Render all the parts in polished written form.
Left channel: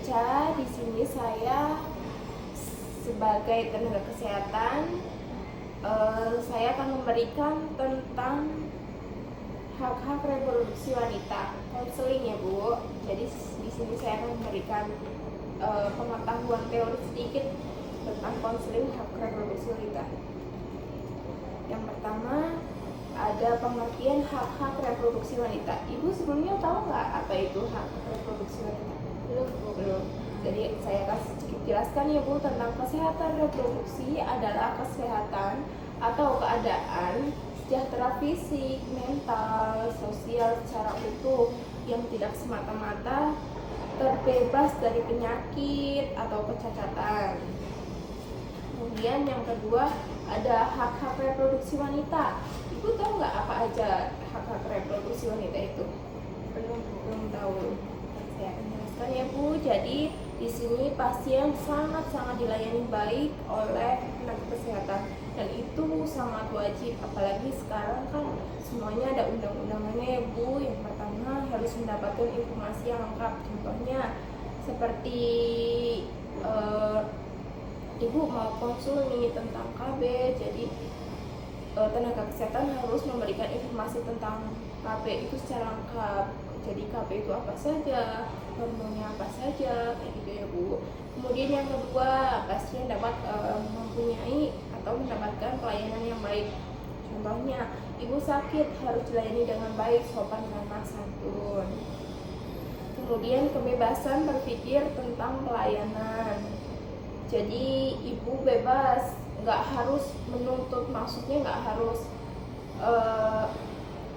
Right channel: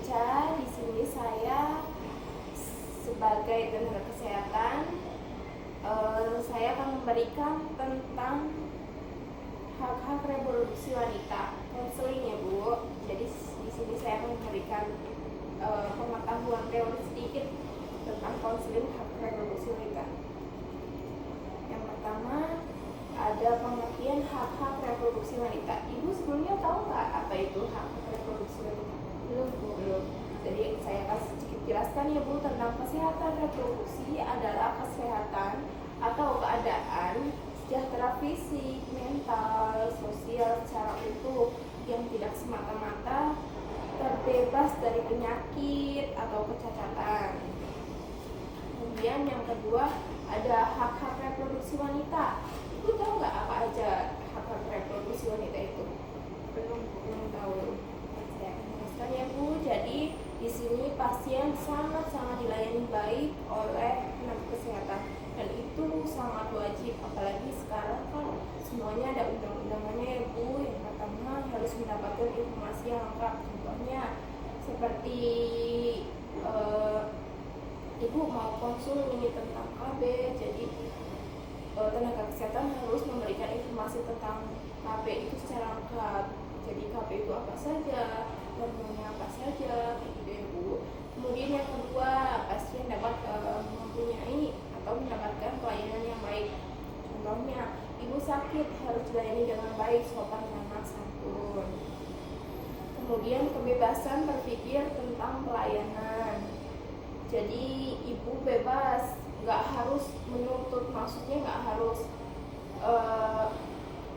Ica. Di sini saya sebagai tenaga kesehatan, saya akan memberikan tentang hak-hak reproduksi wanita, konseling ya Bu. Jadi di sini saya akan memberikan pengetahuan teori sedikit tentang konseling hak reproduksi wanita. Yang pertama, ada pengertian hak-hak reproduksi wanita. Ibu sebelumnya tahu nggak apa itu hak reproduksi wanita? Belum. Jadi saya kasih jelaskan ya Bu, tentang kesehatan reproduksi adalah kesehatan atau keadaan sejahtera fisik, mental, sosial secara utuh yang tidak semata-mata terbebas dari penyakit atau kecacatan. Kemudian yang kedua ada hak-hak reproduksi wanita. Ibu tahu nggak apa aja hak-hak reproduksi wanita itu? Belum tahu. Saya akan jelaskan ya Bu. Jadi di sini pasien sangat dilayani baik oleh tenaga kesehatan dan itu sangat wajib, apalagi sekarang kan semuanya ada undang-undangannya ya Bu. Yang pertama harus mendapatkan informasi yang lengkap, contohnya seperti Ibu mau konsul nih tentang KB, jadi tenaga kesehatan harus memberikan informasi tentang KB itu secara lengkap. Jadi KB itu apa saja, hormonnya apa saja, kayak gitu ya Bu. Kemudian yang kedua, pasien dapat mempunyai atau mendapatkan pelayanan yang baik. Contohnya, ibu sakit harus dilayani dengan baik, sopan ramah santun. Kemudian kebebasan berpikir tentang pelayanan. Jadi ibu bebas, nggak harus menuntut, maksudnya nggak harus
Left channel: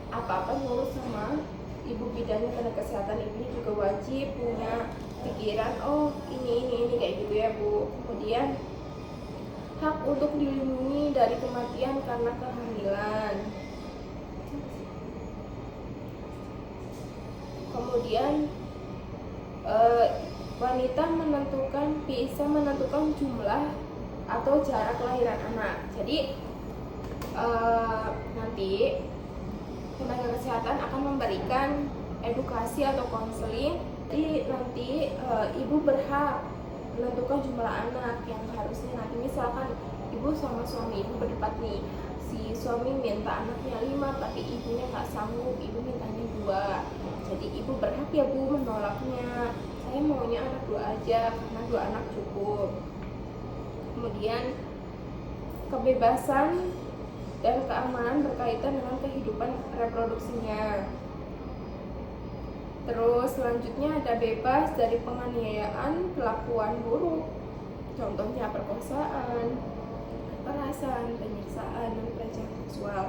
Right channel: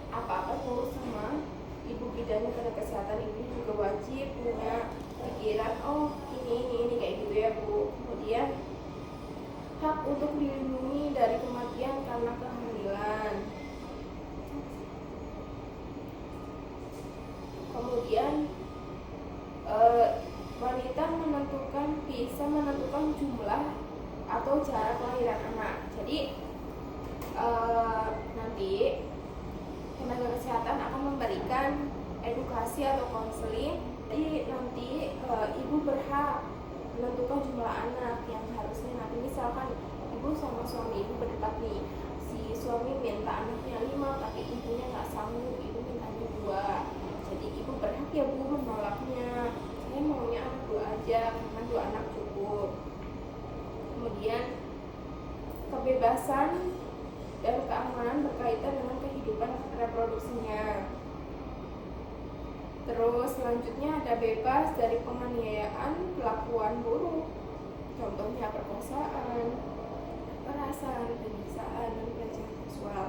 apa-apa ngurus sama ibu bidannya. Tenaga kesehatan ini juga wajib punya pikiran, oh ini kayak gitu ya Bu. Kemudian hak untuk dilindungi dari kematian karena kehamilan. Kemudian wanita bisa menentukan jumlah atau jarak kelahiran anak. Jadi nanti tenaga kesehatan akan memberikan edukasi atau konseling. Jadi nanti ibu berhak menentukan jumlah anak yang harusnya. Nanti misalkan ibu sama suami ibu berdebat nih, si suami minta anaknya 5 tapi ibunya nggak sanggup, ibu mintanya 2. Jadi ibu berhak ya Bu menolaknya, saya maunya anak 2 aja karena 2 anak cukup. Kemudian kebebasan dan keamanan berkaitan dengan kehidupan reproduksinya. Terus selanjutnya ada bebas dari penganiayaan, perlakuan buruk, contohnya perkosaan, kekerasan, penyiksaan, dan pelecehan seksual.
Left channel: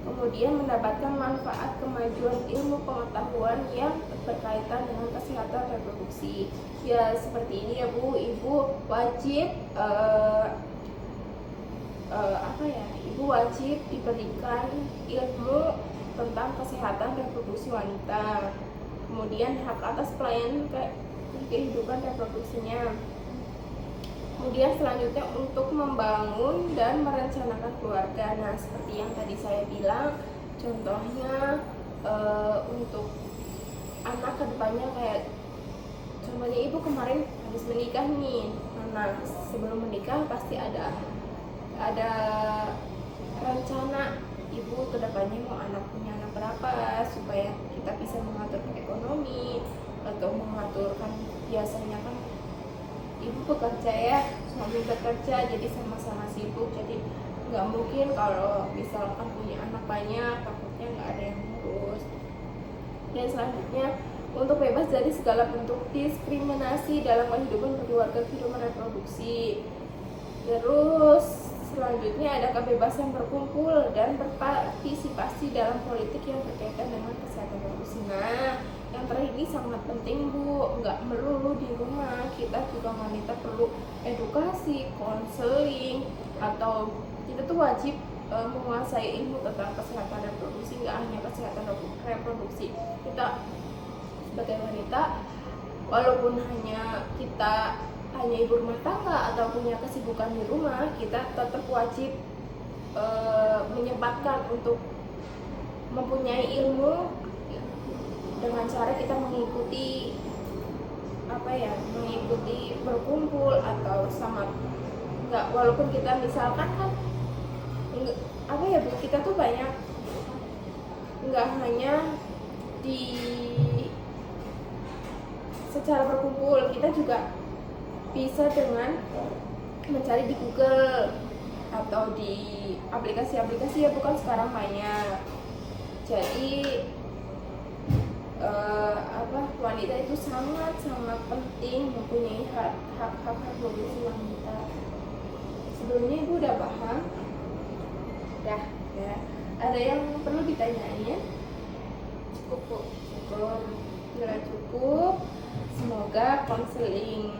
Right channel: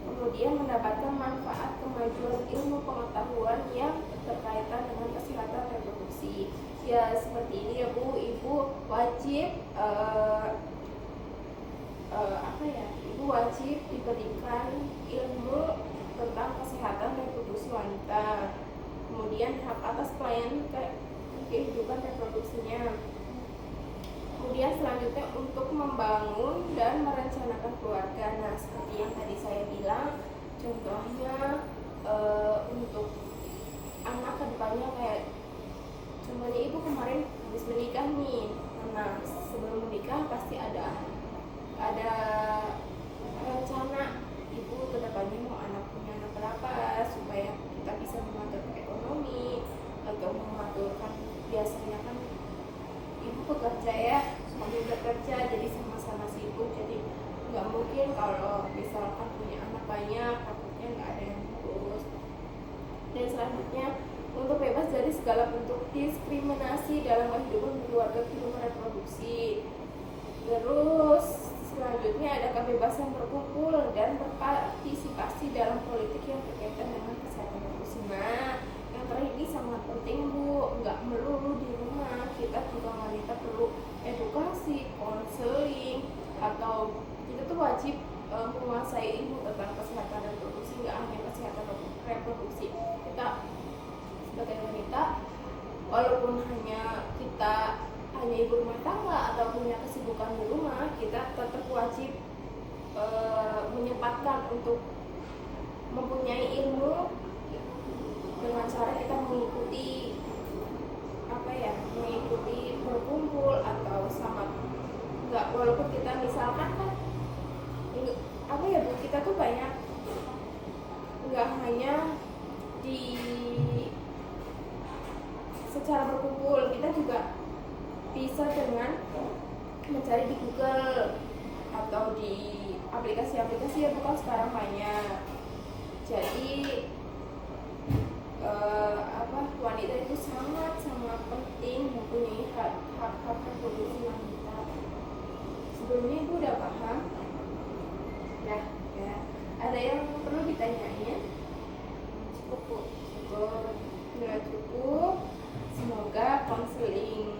Kemudian mendapatkan manfaat kemajuan ilmu pengetahuan yang berkaitan dengan kesehatan reproduksi. Ya seperti ini ya Bu, ibu wajib ibu wajib diberikan ilmu tentang kesehatan reproduksi wanita. Kemudian hak atas pelayanan kehidupan reproduksinya. Kemudian selanjutnya untuk membangun dan merencanakan keluarga. Nah seperti yang tadi saya bilang, contohnya untuk anak kedepannya, kayak contohnya ibu kemarin habis menikah nih. Nah sebelum menikah pasti ada rencana ibu kedepannya mau punya anak berapa, supaya kita bisa mengatur ekonomi atau mengaturkan. Biasanya kan ibu bekerja ya, suami bekerja, jadi sama-sama sibuk, jadi nggak mungkin kalau misalkan punya anak banyak takutnya nggak ada yang ngurus. Dan selanjutnya untuk bebas dari segala bentuk diskriminasi dalam kehidupan keluarga, kehidupan reproduksi. Terus selanjutnya ada kebebasan berkumpul dan berpartisipasi dalam politik yang berkaitan dengan kesehatan reproduksi. Nah, yang terakhir ini sangat penting Bu, nggak melulu di rumah, kita juga wanita perlu edukasi, konseling, atau kita tuh wajib menguasai ilmu tentang kesehatan reproduksi. Nggak hanya kesehatan reproduksi, kita sebagai wanita, walaupun kita hanya ibu rumah tangga atau punya kesibukan di rumah, kita tetap wajib menyempatkan untuk mempunyai ilmu dengan cara kita mengikuti apa ya, mengikuti berkumpul atau sama, nggak, walaupun kita misalkan kan apa ya Bu, kita tuh banyak, nggak hanya di secara berkumpul, kita juga bisa dengan mencari di Google atau di aplikasi-aplikasi ya, bukan sekarang hanya. Jadi wanita itu sangat penting mempunyai hak reproduksi wanita. Sebelumnya Ibu udah paham? Ya. Ada yang perlu ditanyain? Cukup Bu. Cukup. Semoga konseling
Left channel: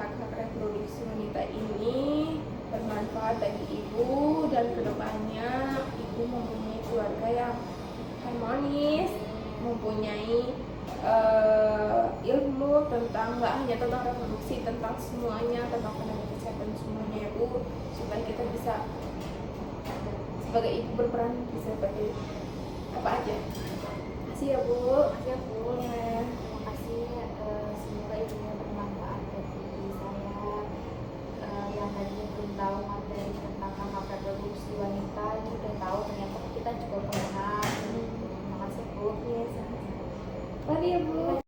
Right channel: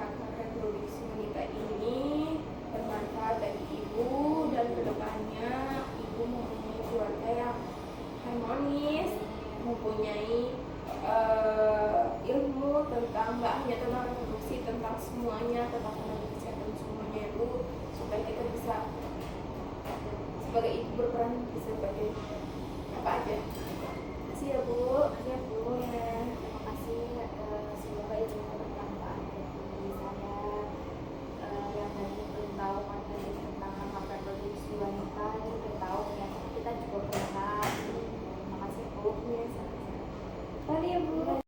hak reproduksi wanita ini bermanfaat bagi Ibu dan kedepannya Ibu mempunyai keluarga yang harmonis, mempunyai ilmu tentang, nggak hanya tentang reproduksi, tentang semuanya, tentang tenaga kesehatan semuanya ya Bu, supaya kita bisa sebagai ibu berperan bisa bantu apa aja. Terima kasih ya Bu.